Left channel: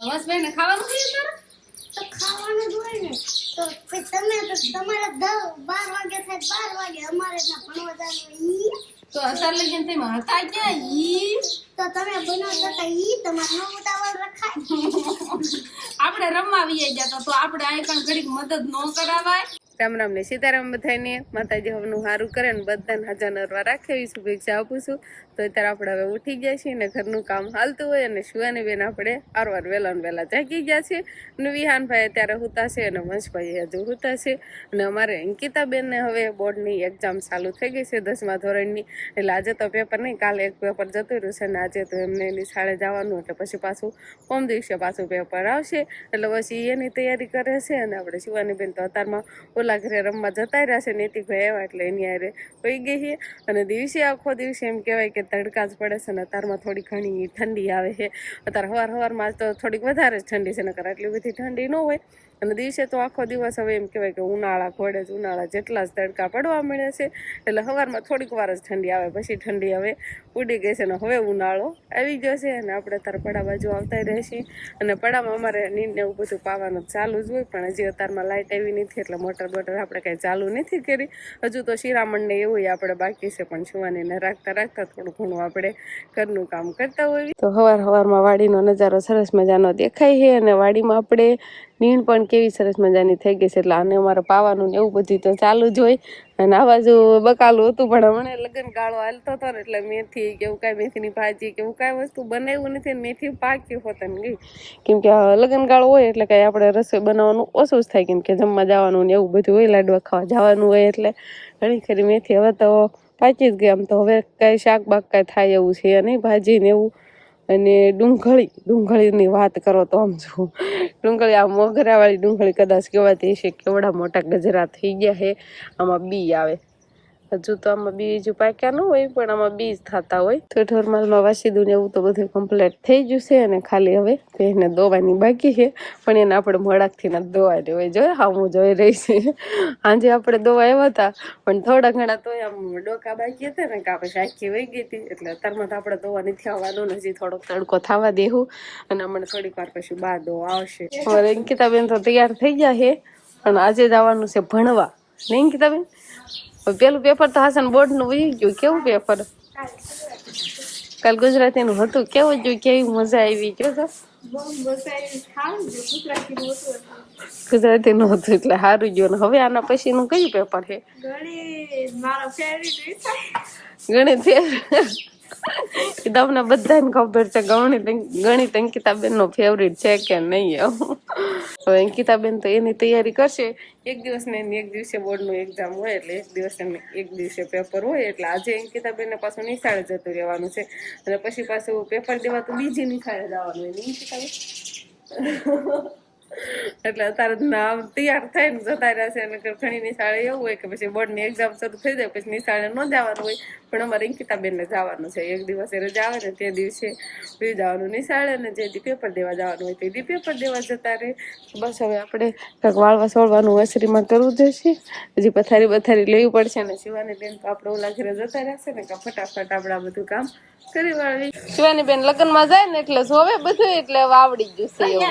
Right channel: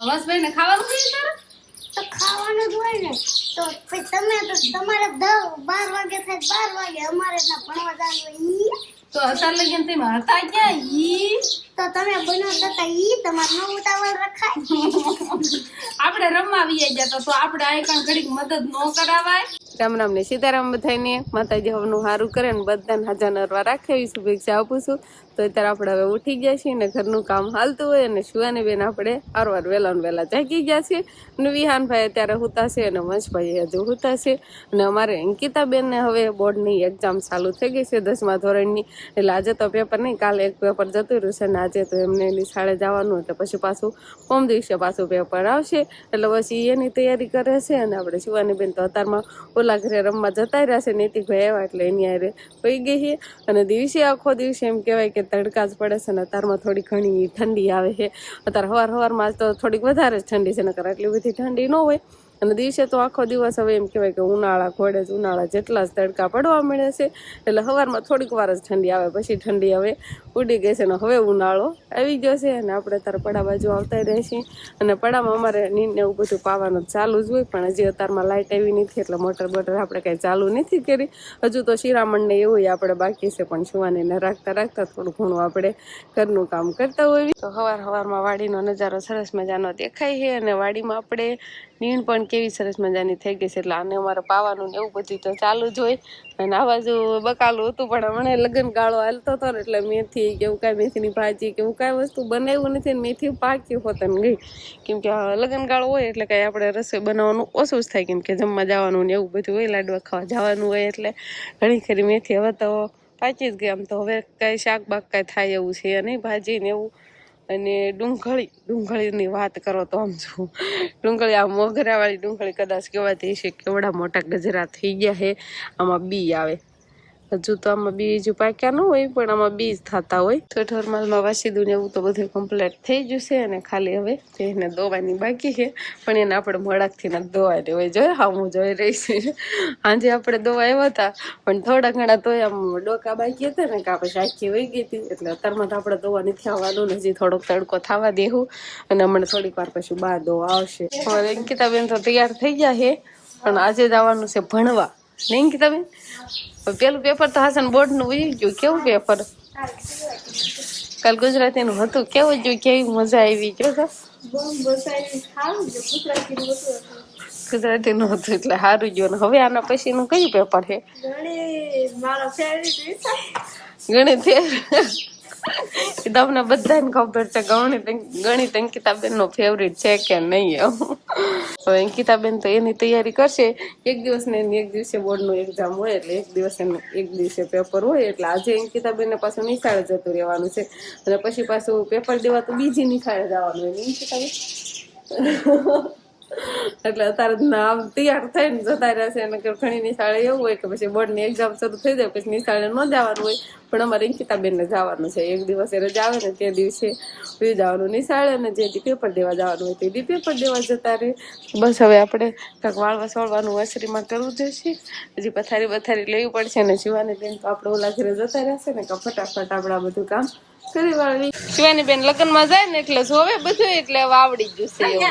હવસભાઈ ને ખાવાનું થયું તારે? તો ખાવાનું જ હોય ને. તો પછી તમે તો તમારે દસ બાર વાગે થાય બાર વાગે અમારે ના ભણવા જવાનું ઈ. તો અત્યારે લગીને તમે હતા ક્યાં ઈ? તો તમે બનાવતા હતા ઈ તમારે ન ઉતાવળ રખાય. આપણે રમવા આવીએ ગયા તો આપણે આ કણ ઘડીક મદદ ન કરાવાય. રામ રામ ને સીતારામ બધાને. માતાજી હવનું સારું કરે ને બધાને હાજર નરવા રાખે શુભેચ્છા આપું છું. તો અત્યારે આપણે હવે ઉઠી ગયા છીએ ને ઘરનું કામ હાલતું હોય અને સુવાની બેન આપણે આરવાર વહેલા ને વહેલા જાગી ગયા છે અને વિહાનભાઈ અત્યારે હુતા છે અને વંશભાઈ હજુ હુતા છે. અને અમારે અંકિતાબેનને હવે બોર્ડની એક્ઝામ ચાલુ થઈ ગઈ છે દસમા ધોરણની. એટલે આજે તો પેપર નહીં, કાલે એક પેપર જતું રહ્યું છે અને આજે તો એમને એની શાળે જવાનું એટલે પછી પાછું ઓમ દિવસે પાછું પેપર આવશે. એટલે પછી એની તૈયારી કરે છે અને આપણે શિવાની બેન તો અત્યારમાં ઓલા ઘરે રમવા જતા રહ્યા છે નીતિભાઈ આવ્યા એટલે એની આરે હોઈ ગઈ છે. અને દિવસે આખો દિવસે એમ કહેવાય કે તડકા જ પડે છે ને અત્યારમાં થોડી ઘણી ઠંડી આવે છે. અત્યારે હવાર હવારમાં તો થોડીક વધારે જ ઠંડી છે, નકર આટલી બધી ઠંડી ન હોય. અને દિવસે તો આખો દિવસ હવે એમ કહેવાય કે ઉનાળા ઘોડે જ ઉનાળા જેટલા જ તડકા પડવા મળે છે. એટલે સવારમાં થોડીક વાર જ ઠંડી આવે, પછી ઠંડી હવે ઉડી ગઈ છે અને હવે ઉનાળો આવી ગયો છે અને આપણે તાર પડા બાજુ આવતા રહેશે. અને પડામાં અમારે નીંદ ને એવું બધું પાવાનું ચાલુ જ હોય, પણ હજી અત્યારમાં લાઇટ આવી નથી એટલે મોટર બોટર આપણે કાંઈ ચાલુ નથી કરી. હજુ તો શિરામણને એવું આપણે બાકી છે, પણ છુવાનીને રાખતા રાખતા થોડું ઘણું આપણે ઘરનું કામ કરતા હોઈએ. તો સવાર સવારમાં વાડીનો નજારો સરસ મજાનો દેખાય છે અને વાડીમાં આપણે નીણ પણ કેવી સરસ મજાની થઈ ગઈ છે એટલે આને અમારે પાવાનું ને એવું બધું તો ચાલુ જ હોય. અને આ બાજુ બકાલું હતું, પણ હમણાં લગ્ન ગાળો હાલતો હતો ને એટલે મેથી કે એવું કાંઈ મેથીની ભાજી કે એવું કાંઈ વસ્તુ બનાવ્યું નથી ને મેથી પાક્યું હોતન ગઈ. કેમ કે લગ્ન ગાળો હોય એટલે કાંઈ આપણે રસોઈ બનાવવાનું ઓછું જ થાય, કેમ કે જમવા જવાનું ને એવું બધું હોય, લાડવા ખાવા જવાનું હોય એટલે ઘણી ખરી મેથી. હવે તો પાકી જ ગઈ, આમ તો હવે કાંઈ શાક બાક કાંઈ થાય એવું છે નહીં, ભાજી ને એવું. અને ડુંગળી, ડુંગળીની વાત કરો તો આમ જો, ડુંગળી આ મોગરાવાળી ડુંગળી કદાચ કહેવાતી હશે કેવડા મોટા ગજરા થઈ ગયા છે આમાં બી આવે. હજુ તો આમાં બીજ પાક્યા ન હોય, પણ આમાં બીજ થતા હોય. તો ઠોરમાલમાં વાસી ને એવું તો બધું કમ્પ્લીટ થઈ ગયું છે અને ખાલી હવે એને દોવાની બાકી છે, પણ એને આપણે મોડાકથી ના દોવા દેવાય જોઈએ હા, હું જોઈ રહી છે. આજે આપણે દોવા આવ્યા હતા, પણ થોડા ઘણા તો આમ ડોકા બાકી હતા ને, કે આપણે આખી વહી ગઈ હતી. એટલે અત્યારમાં તો આપણે દોવા નથી આવવાનું ને, હજી થોડોક તડકો થવા દેવું અને હમણાં થોડીક વાર પછી બહાર દોવા આવશે. હવે અંકિતાબેન તો તૈયાર થઈ ગયા છે, પણ આજે જવાનું છે ભણવા. નહીં અંકિતાબેન? પેલું પેપર તો હાસન બોર્ડનું વહી ગયું. કેવું પેપર કાલ ગુજરાતી નું હતું. કેવું જોયું કેવી મજા આવી? ગયો તો ગુજરાતી નું હતું એટલે સારું ગયું. હવે આના પછી નું કયું પેપર છે? ગણિત એ તમને બધાને ખબર છે, ગણિત ગણિત અંકિતાબેન નો ફેવરિટ છે કે નહીં હવે અંકિતાબેન તો એની તૈયારી કરશે. એક દિવસ ને એક દિવસે બોર્ડનું એક્ઝામ હોય એટલે એક દિવસ એક દિવસે પેપર હોય એટલે આજે અંકિતાબેન ને પાછું નિશાળે જતું રહેવાનું છે. અને પછી પાછું પેપર દેવા તો બીજી નિશાળે જવાનું હોય અંકિતાબેન એટલે અત્યારે નામ તૈયાર થઈને જતા રહેશે અને ઘણી નિશાળે એવું હોય કે પછી બોર્ડની એક્ઝામ શરૂ થઈ જાય, પછી નિશાળે ન જવાનું હોય. પણ અમારે અંકિતાબેનને જવાનું છે. એક દિવસે રજા આવે ને તે દિવસે ઉઈ જવાનું નિશાળે અને જે દી પેપર દેવા જવાનું હોય તે દી પેપર દેવા જતા રહે. બસ હવે આપણે કંઈક વાળવા સોળવાનું વસરીમાં કરવું જશે હજી પથારી બથારી લેવી પડશે અને શિવાની બેન તો આપણે ઓલા ઘરે જતા રહેશે ને કે ફટાફટ આપણે બધું કામ શિવાની બેન લગ્નમાં જાય ને એટલે જોવે બધું એટલે વાવડી જશે એવું.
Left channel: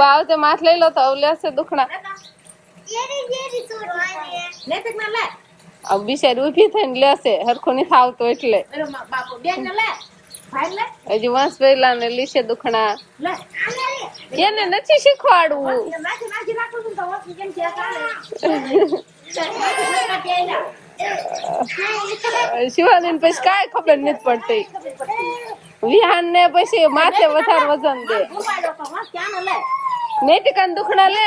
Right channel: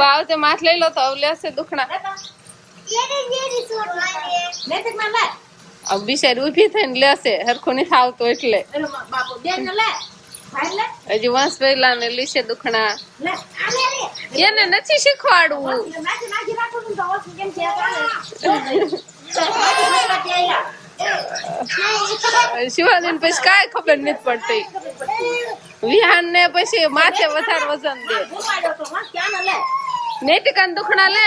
બાવ તે માથ લઈ લો તો હવે લેશે દુખણા. આ બિચારી ઊભી થઈને લેશે હરખું નહીં થાવતો એટલે. હજી વંશ પહેલા ને લીસે દુખણા એને નથી શીખવાડવું. શિવાનીને પછી કાંઈ ખબર નથી પડતી વિહાન ને પછી માથે વધારે વજન દે નૈતિકા દુખણા લે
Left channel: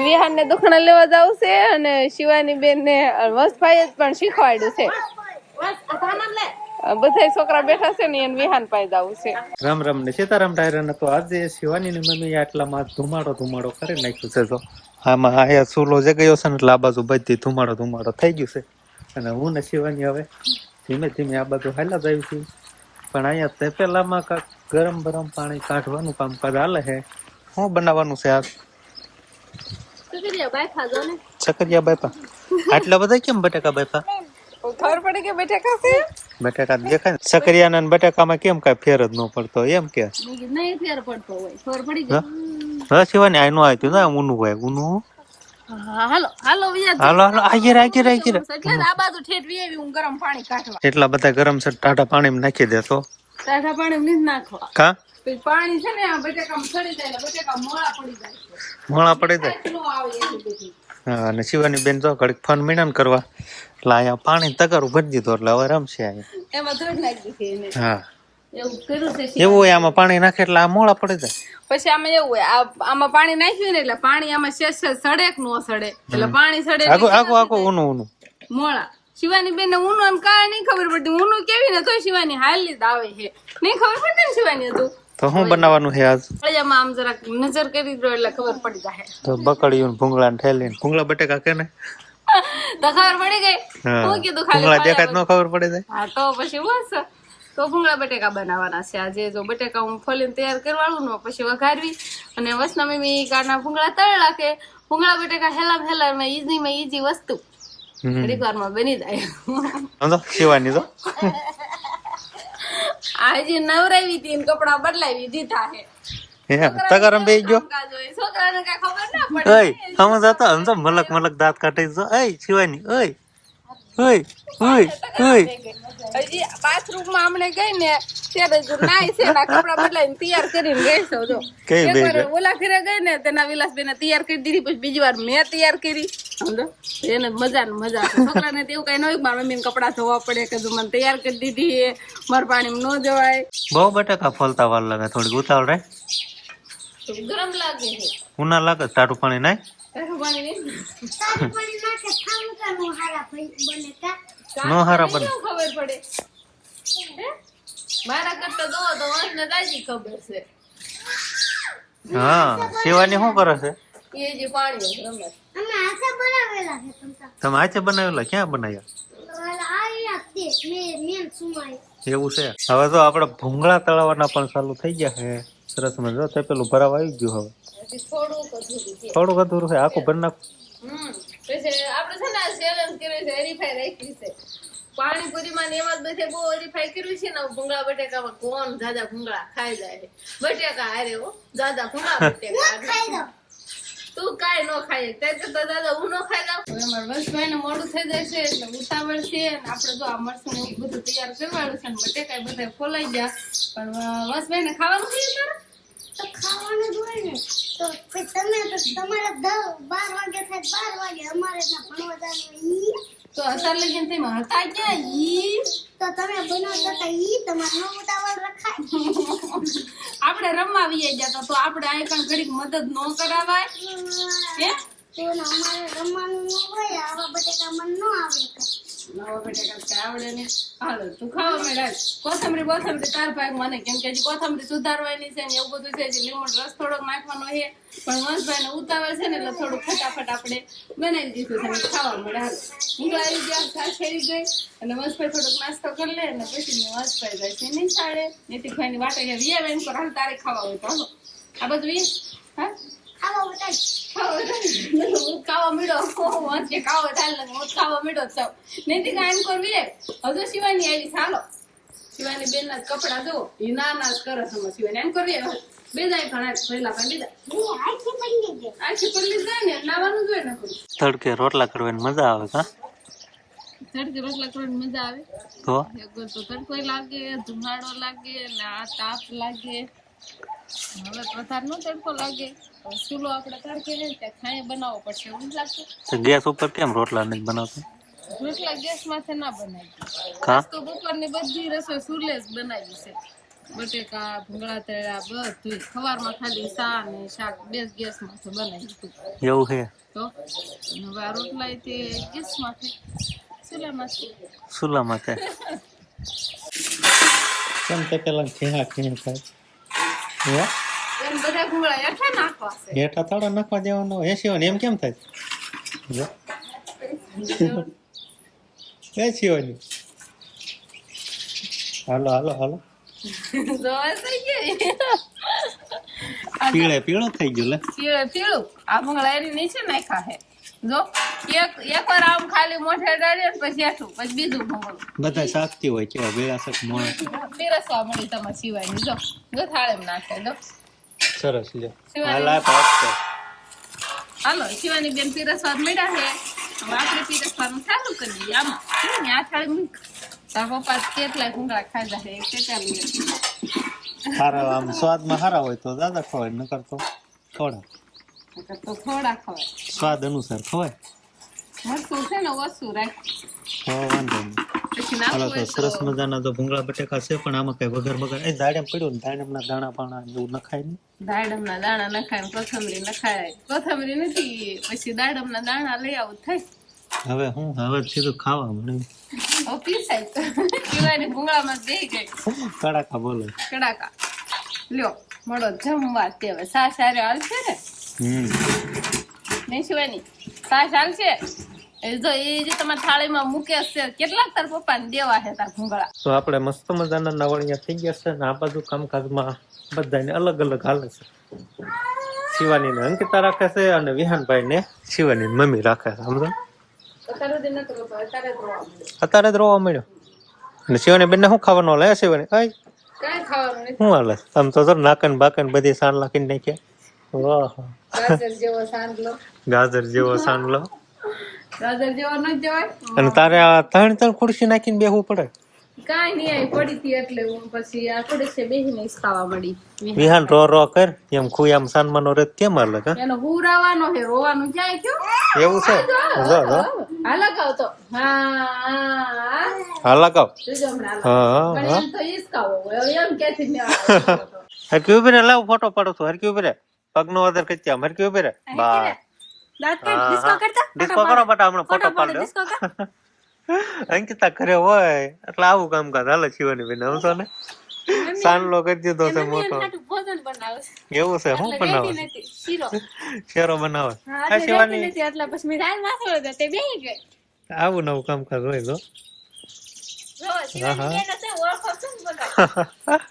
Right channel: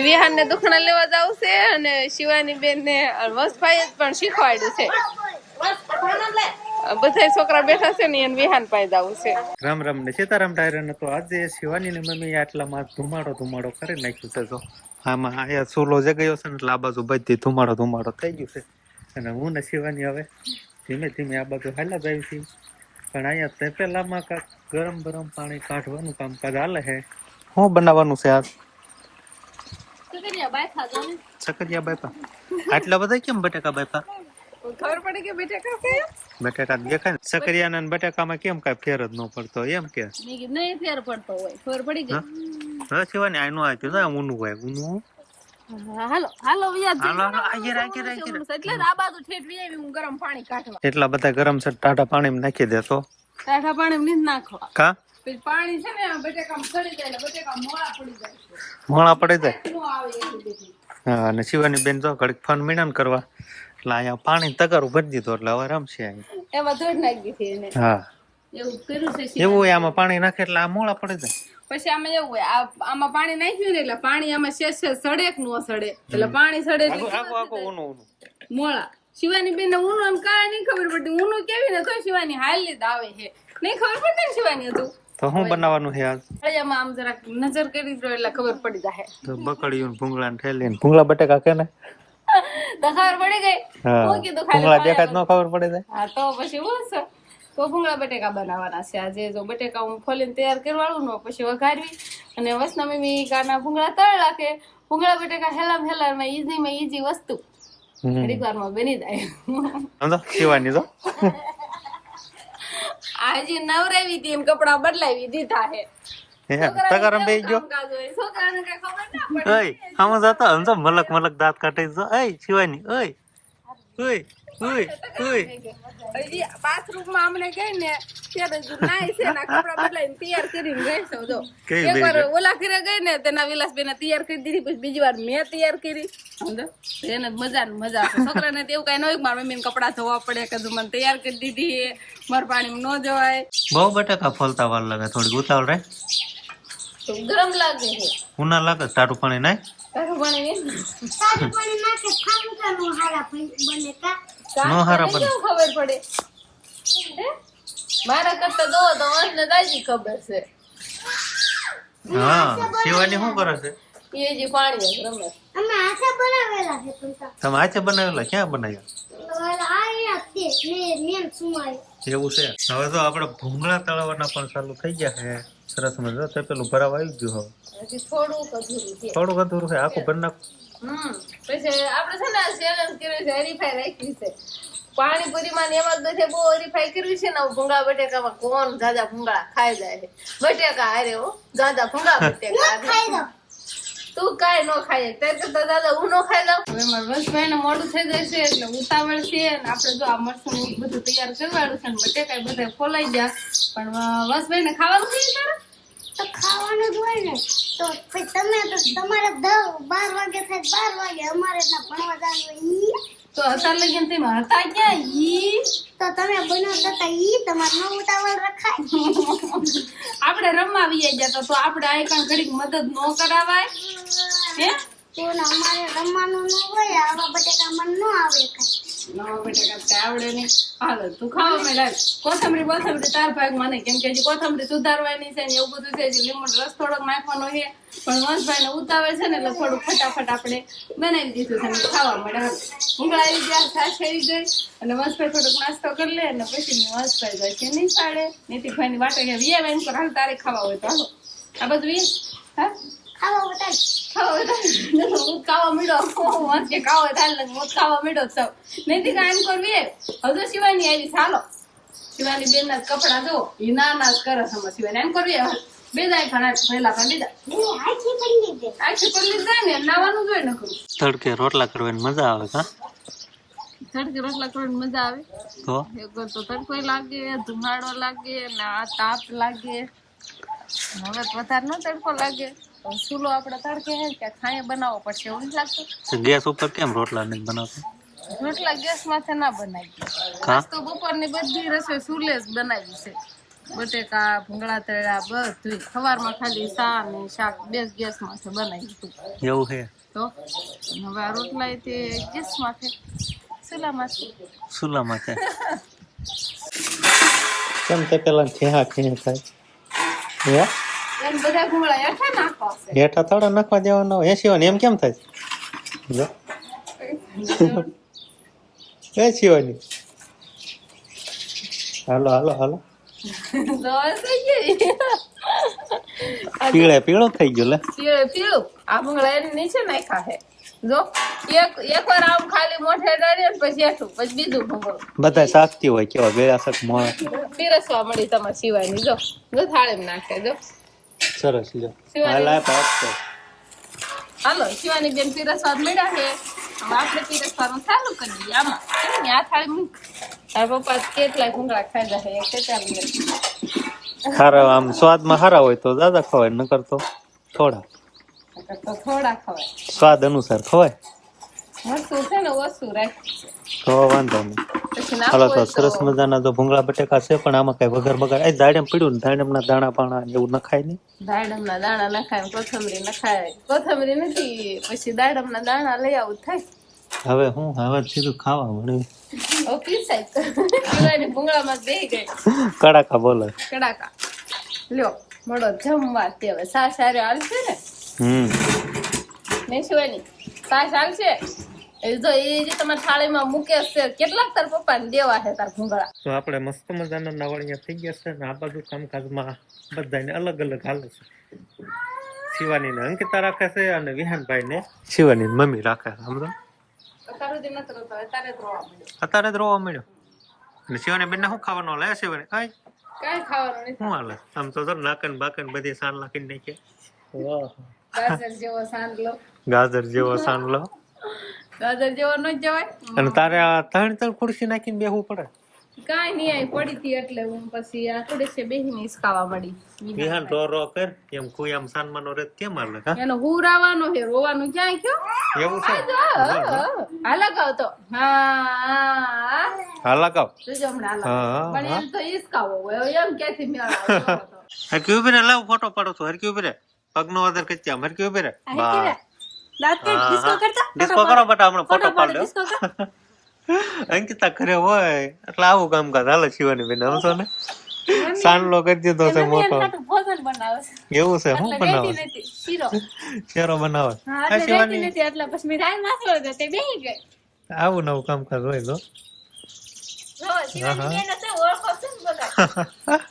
વિહાન ને દુખણા લેવા જાવ છે અને શિવાની બેન ને વંશભાઈ જ પણ શીખવાડ્યું છે બધા છોકરા બેઠા છે ને એને વિહાન પાઈ દઉં છે. રામ રામ ને સીતારામ ડાયરા તો આજે શિવાની ની મમ્મી આટલામાં ધુમાડો ધુમાડો કરી નાખ્યું છે તો આમાં આયા ચૂલો જગ્યો છે ને એટલે આ બાજુ બધી ધુમાડો ધુમાડો થઈ ગયું છે. અને હું ને શિવાની હવે ધીમે ધીમે આ બાજુ હાલા જાય છે પણ અહીંયા તપેલામાં કાંક ગરમ ગરમ પાણી કાઢવાનું કામકાજ હાલે છે. શું બનાવવાનું છે આજ? ચકરિયા બાયફા બાપા આટલા બધા કેમ બટાકા બાપા ખબર પડે કે બટેકા છે? બટાકા દેખાય ને. સકરિયાના ને બટાકામાં કેમ કાંઈ ફેર જ ન પડતો એમ કે? નહીં ફેર પડતો હોય ખબર પડી ગઈ. હા? શિવાની આનું આવ્યું ને ઊનું હોય ઊનું હા? હાલો હાલો વિયા હાલો હાલો આગેર આગેર આગેર એટલે જ આ બાજુ ઠેઠવી આવી હું ગરમ પાણી કાઢવા. એટલા બધા ગરમ છે ટાટા પાણીમાં નાખી દેતો ટાઢા પાણી નહીં નાખવા. કા? પછી પાણી છે ને આ બટેકામાં જાય બટેકા મોળા પડી જાય પડી હા અને શિવાની બેન જો ઘડીક ફોન મીણા કરવા. એટલે અહીંયા પાણી તગારું ભરી દીધું એટલે હવે રમશે અહીંયા. એમાં ધોઈ નાખી હા. એવું કર્યું છે એવું હોય આમાં પાણી નાખે એટલે આ મોળા પડી જાય. પછી આમાં એવું હોય આમાં પાણી નાખ્યું ને એટલે પાણી આમાં શેષ સડે કે ન સડે? એટલે પાણી સડે આગો આગો આગો ઊનું ઊનું. મોળા શિવાની બેન ઊનું આમ કાંઈ નહીં ખબર પડતી. ઊનું કેવી ને તો શિવાની હાલી જ આવે છે. નહીં ખબર પડતી ને શિવાની હતું તો શું બનાવવાનું છે આજ? પછી આમ જરાક નજર કરી દો એટલે ખબર પડી જાય તો બકડીયું ભૂંગળા ને ઠેલીને ભૂંગળા બટેકા કે ને? તો ખબર પડી ગઈ? હું. કીધું ભૂંગળા ખાલી દેખાય તો ખબર પડે જાય. હા તો પછી બસ તો ભૂંગળા બટેકા બનાવવાના છે. આજે જો બટેકા હું ફોલીને તૈયાર કરવાનું ને પછી વઘારવી. અને વસના મમ્મી કાના ભૂંગળા તળેલા કે ભૂંગળા બટેકા હેલા હેલા માં ઈઝી માં ઈઝી વસ્તુ. ઘડીક બની જાય. સમજો? શિવાની તો આજે નવરાવી હતી એમ કપડા બદલાવી દીધા હે તગારમ બે ગયો? કામકાજ હોય. છોકરાને કઈ ખબર ના પડે? ઓય હમ જતો સમજો મલક મલક દાંત કાઢે જો ઓય શિવાની ઓય ઓય ઓય ઓય. હજી બાથરૂમમાં હમણે ગઈ ને ત્યારે જો નાઈ છે એના કપડા બદલાઈને તૈયાર કરીને ગઈ છું જો. કઈ એક બે વાર ઓલા ઘરે ગઈ ને તેના વિલાસબેન તૈયાર કરી દીધી પછી બીજી વાર મેં તૈયાર કરી. સમજો એને મજા ને મજા. છોકરાને તો એવું કઈ ન હોય મારા મમ્મીને કપડા ધોવા પડે કે મને તૈયાર કરી દીધી મારા પાણીમાં ન જવાય. બહુ બટાકા ફોલતા વાર લાગે થોડીક ઉતાવળ રહે તો ગરમ લાગે છે. ઉના લાગે તારું પાણી નાય? તારું પાણી તારું પાણી ના કે ખાવું કા નો હારા બને કા નો હારા બને. ખબર પડે? મારા કરતા દો તો મને દાજી ખબર છે. હા સેવાની શું કરે છે? એ જે પાણી રમે અમે હાથે બનાવેલા છે પણ તમે હાથે બનાવેલા? ક્યાં બનાવ્યા? એવું છે? હવે તો આપડે ભૂંગળા તળાવવાના પણ ચાલુ થઈ ગયા છે. સરસ મજા તે પેલું ભરાવા આવી ગયું હવે. હજી થોડુંક અધૂરું છે. આખું ભરી નાખું? હમ. છે ને ચેલેન્જ કર્યું છે હરીફાઈ રાખી છે. પાણીપુરીમાં ને એમાં જ બધે બહુ હરીફાઈ કર્યું છે ને ભૂંગળા બટેકામાં કોણ જાજા ભૂંગળા ખાઈ જાય છે. બટેકા હારે હો જાજા ભૂંગળા બટેકા. હારે. ખાઈ દો તું કાંઈ ન ખાય, તે તો દાદા હું ન ખાઈ દઉં હવે મારા વસભાઈ ને મોડું થઈ છે એટલે ઉતાવળ છે ને આપણે જો આ મરસું બધું તૈયાર કરવાનું છે ને બટેકા બધા ફોલાઈ ગયા. પણ વસભાઈ ને ખાવાનું છે તારે? તો ખાવાનું જ હોય ને તો પછી તમે તો તમારે દસ બાર વાગે થાય બાર વાગે અમારે ત્યાં ભણવા જવાનું ઈ. તો અત્યાર લગીને તેમાં હતા ક્યાં ઈ? તો તમે બનાવતા હતા ઈ તમારે ન ઉતાવળ રખાય. આપણે રમવા આવીએ ગયા તો આપણે આ કણ ઘડીક મદદ ન કરાવાય. હે? તો અમારે રમવાનું ન હોય આવા બટેકામાં ન આવે કાંઈ. નવા તું ખાવા માંડ. કોથમરી કોથમરી તાર ભાગ મને કેમ કે કોથમરી સુધારવાની છે ને એવું બધું છે. હજી રસ થોડોક નાખવાનો છે. પણ વંશભાઈ ને ઉતાવળ છે ને એટલે થોડુંક ફટાફટ આપણે બનાવી દીધું છે ખાવા મળે ઊંઘળા આવી ગયા છાશ આવી ગઈ. અને વંશભાઈ થોડોક નાસ્તો કરી લે અને પછી મેં વંશભાઈ જાય છે નહીં સાડે નીતિભાઈ ની વાટે ગયા વિયા પર હાલ તારે ખાવા હોય તો હાલો. આ બધું હા? ખાવા બતાય ખાવા હું થાય ને મીડો સૌ નહીં થી કરવી હવે શિવાની આવી ચાલો. શિવાની બેન ના કપડા જો એ ના ના જ કરે છે શિવાની. એમ કરવી હવે. ઘણા પહેલા પણ બીજા આખી પડી ગઈ આખી પલ્લી જાય ને નાવાનું જોઈએ ન કરું તડકે રોટલા કરવાની મજા આવે કા? તડકે રોટલા કરવાની મજા આવે? તો? એક તો તડકો લાગે ધુમાડો લાગે ને આ તાપ લાગે. હવે વધારે ન તડકો લાગે. ચૂલો આપણે તડકે હે ત્યાં છાંયે બનાવવો પડશે એવું નથી લાગતું ગેસ ઉપર કેમ રોટલા નથી બનાવતા? રોટલા ગેસ માથે ના બનાવી કા તો બપોરની બધી રસોઈ ચૂલે જ બનાવી છે. બટેકા ભૂંગળા તળ્યા બધું સવારમાં ખાલી સા ને શાક બે ગેસ માથે બનાવી હતું એવું છે? તો? હવે આ રોટલા એ તે ગેસ માથે. ચૂલામાંથી ચૂલા છે? કેમ તે પેલા ખેહા ખેહ થાય હે? હેઠા થોડા નાખવા દેવાનો એસી હોય એમ કેમ થાય? એસી હોય હાલો હાલો હાલો. પીળે પીળો થઈ ગયો લે. પીળું પીળું. આ ભૂંગળા એની નીચે નાખ્યા હે જો એક એકવાર આમ ખાલી મોઢે ડાળીએ ને પછી હેઠું પછી બીજું ભૂંગળું. બધા શાકતી હોય કેવા શાક મોળા પીરસવા મળી તમારે સિવાયની. જો જો થાળે નાખે જો. સરસ લે. હાલ આપ આપતો હાલો શિવાની બેન પીરસવાદ મળ્યા છે. હવે આપણે પીરસવાનું ચાલુ કરી દઈએ. આમાં આ થાય હું? તારા પપ્પા કેટલા ભૂંગળા ખાધા છે એક કેટલા સારા આમ સ્વાદમાં સારા હોય તો દાદા ખવાય નકર તો થોડા. તો થોડા ખવાય. સ્વાદ અનુસાર ખવાય. મરચું છે ને ઓછું રાખ. તો વાંધો નહીં. હાલો તો સરસ મજાના તો ભૂંગળા બટેકા છે પણ આમાં કઈ વગર બગર એ દાડમ પડ્યું ને દાડમના દાણા પાણા એવું નખાય ને દાડમ ના દાણા નખાય કોથમરી નખાય. કોથમરી નથી પછી દાડમના દાણા લઈ આવું થાય. હવે હું? હવે સીધું ખાવા મળ્યું. હવે પીસાય પીવાની ભૂંગળામાં બે ગઈ. કડાકા બોલે. કડાકા. લ્યો મળો જમવા તે હવે. સાસ સારે હાલશે ને? હમ. નહીં શિવાની? સાસ હાલશે જો એ જે તમારી થાળીમાં મૂકે છે કેટલાક તાર પપ્પાને દેવા છે તાર ભૂંગળા તો આપણે મસ્ત મજાના નવળિયા થઈ ગયા છે ને આ બાજુ કામકાજમાં બધાને અલગ અલગ હાલે છે. શિવાનીને અંકિતા રાખે છે અને વિહાનભાઈને શિવાની મમ્મી રાખે છે. સમજો. અત્યારે જ રોવા મળ્યો. અને શિવાની બેનને શું ખાવાનું હાલે હે શિવાની? કાંઈ? શું હાલે? આમ તો નાકન બાકન બધી સાન નાખીને નાખ્યા. વાહ ગાજર જેવો સાંગલો જેવો ન જવાય? અને તારે આ ત્રણ ત્રણ ખુરશી નાખીને બેહવું પડે. કાંઈ નહીં આવી પડી હતી એટલે હું પછી આ છે બેહીને જ ખાવા મળી. વિહાન રો રો કર એમ ખુયામ સાનમાનો રેત કેમ હાલે કા? એનો હુરાવાનો છે રોવાનું ક્યાંય થયો? એવું છે? જો. જો. હા લગાવ તો. હા. હા હા લગાવ જોજો હમણાં હા હા તો ઈસકાવો હોય. એમ મેળ આવે હરકી ઊભી રે લાવ ફોટો પાડો તો હરકી ઊભી રે. પગનો અદર કચ્યા આમ. હરકી ઊભી રે. બા. ડિસ્કો કરો બટા હમણાં ફોટો પાડ્યો અંકિતા ઘરે હોય એટલે આવું કામકાજ. હાલે શિવાની બેન સમજો ને? સાનલો કરી દીધો છે મોટો. એવું છે એટલે બનાવે. શીરો. બનાવે? હા, હા શિવાની. એટલે પછી મેં રાઈ નાખ્યો હતો તે બેહી ગઈ. આવું નવું કામકાજ હોય તો.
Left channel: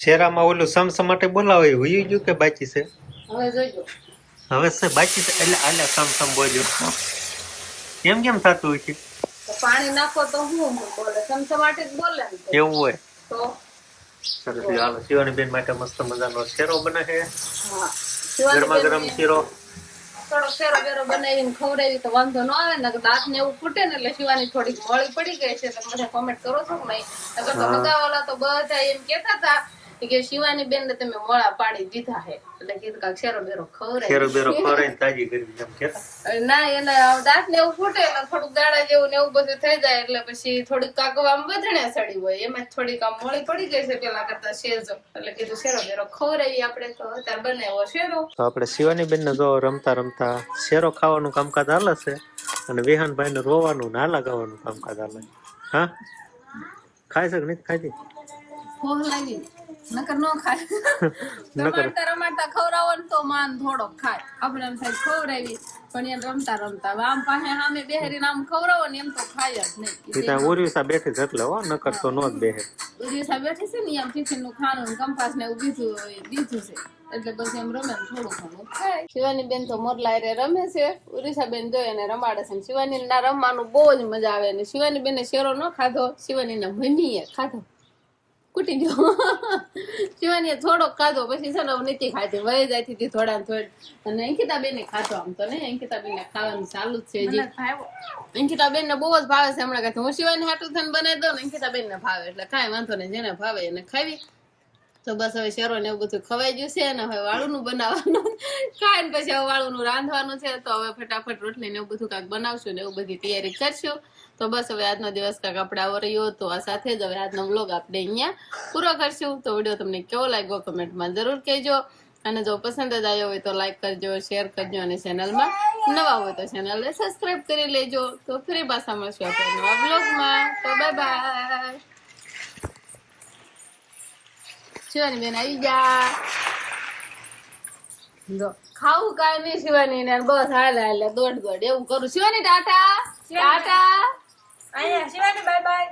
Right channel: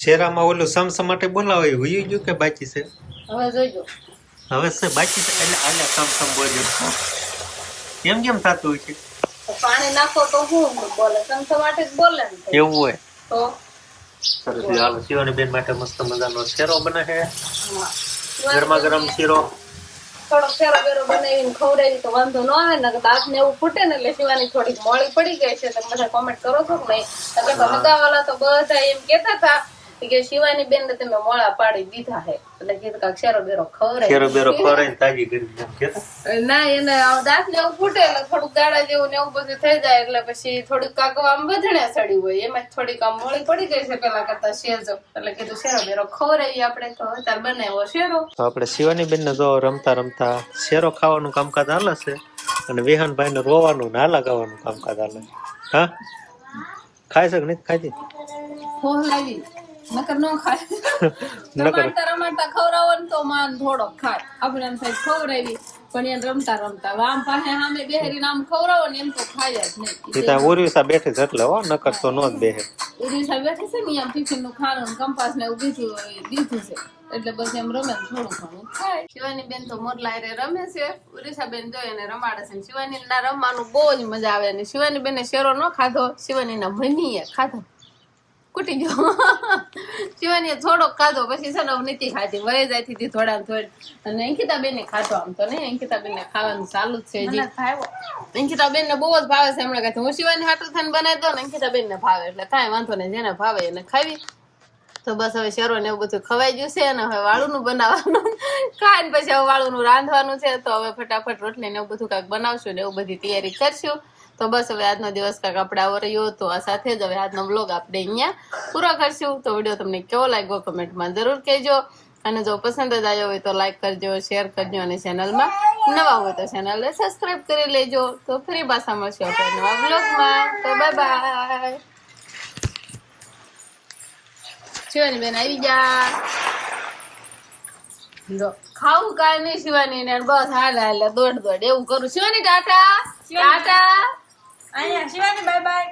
શેરામાં ઓલું સમસમ માટે બોલાવે હુઈ ગયું કે બાકી છે? હવે જોજો હવે છે બાકી એટલે આલે સમ બોલ્યો. કેમ કેમ થતું હોય છે? પાણી નાખો તો હું બોલે? સમસમાટે જ બોલે એવું હોય. તો? સરસ હાલો શિવાની બેન માટે મસ્ત મજાનો શેરો બને છે. ગરમા ગરમ શીરો. થોડો ફેરો વેરો બનાવીને ખવડાવી તો વાંધો ન આવે ને દાંત ને એવું ફૂટે ને એટલે શિવાની થોડીક મોળી પડી ગઈ છે તમે બધા કોમેન્ટ કરો છો કે નહીં? નકર તો હગાવાલા તો બધા એમ કેતા હતા કે શિવાની બેન ને તમે મોળા પાડી દીધા હે. એટલે કીધું કાક શેરો બેરો ખવરાય. શેરો બેરો ખવરાય તાજી કરી એમ કેતા ના એને દાંત ને એવું ફૂટે એટલે થોડુંક ગાળા જેવું ને એવું બધું થઈ જાય એટલે પછી થોડીક કાકવા આમ વધણે સડી હોય. એમાં થોડીક આમ મોળી પડી ગઈ છે પેલા કરતા શેજો. એટલે કીધું શેરો બેરો ખવરાય આપણે તો. અત્યારે બનાવ્યો શેરો. તો આપણે શિવાની બેન ને જો રમતા રમતા શેરો ખાવાનું કામકાજ હાલે છે અને વિહાનભાઈ ને રોવાનું ના લગાવવાનું કામકાજ હાલે હા? ખાય છે કે નથી ખાતી ફોન લાવી નકર નો ખાય. નકર. રમાડતા ખવડાવો ને તો માન થોડો ખાય. આપણે એમ થાય ખવડાવી પણ એમ રમતા રમતા. આમ પાસે સામે બેહરી આમ ખવડાવો ને એમ તો ખાય જ નહીં. ત્યાં ઉર્વિસા બેઠી છે એટલે હો નકર તો નો જ બેહે. ઓરિસા બેઠી છે ને એમ ટિફિનનું ખાવાનું કંપાસ ને એવું બીજું દીધું છે. એટલે બસ એમ રમે થોડું ઘણું ખાય. શિવાની બેન તો મોરલા હારે રમે છે. ઉરીસા બેન જોઈ અને રમાડે છે ને શિવાની ના રમવાનું બહુ જ મજા આવે અને શિવાની બેને શેરો ન ખાધો શિવાની ના મમ્મીએ ખાધો. કૂટી ગયો. શિવાનીએ થોડોક ખાધો પછી છે ને નથી ખાધી. વય જાય થી થોડા થોડી. અને અંકિતા બેન ખાધો આમ તો નહીં? અંકિતા બેન ખાવાનું ચાલુ જ છે હજી. અંકિતા બેન ને બહુ જ ભાવે છે હમણાં કાંઈ હું શિવાની હાટું થઈને બનાવી દઉં ને અંકિતા બેન ને ભાવે. એટલે કાંઈ વાંધો નહીં જેને ભાવે એને ખાવી. તો બસ હવે શેરો ને એવું બધું ખવાઈ ગયું છે અને હવે વાળુનું બનાવવાનું. ખાઈને પછી હવે વાળુનું રાંધવાનું છે. તો હવે ફટાફટ રોટલી ને એવું બધું કાંઈક બનાવશું ને એવું બધી તૈયારી કરશું. તો બસ હવે આજનો દિવસ કાંક આપણે આવો રહ્યો તો આ સાથે જ હવે આજનો બ્લોગ આપણે અહીંયા પૂરો કરશું. તો વીડિયો તમને કેવો લાગ્યો કમેન્ટમાં જરૂર કહેજો. અને જો પસંદ જ આવ્યો હોય તો લાઈક કરજો શેર કરજો અને ચેનલમાં નવા હોય તો ચેનલને સબસ્ક્રાઈબ કરી લેજો. તો ફરી પાછા મળશું આપણે નવા બ્લોગમાં તો બાય બાય શિવાની બેન આવી જા જો ખાવું કાંઈ નહીં શિવાની ને બસ હાલ હાલ દોડ દોડ. એવું કરું. શિવાની ટાટા. ટાટા. અહીંયા શિવાની બાય બાય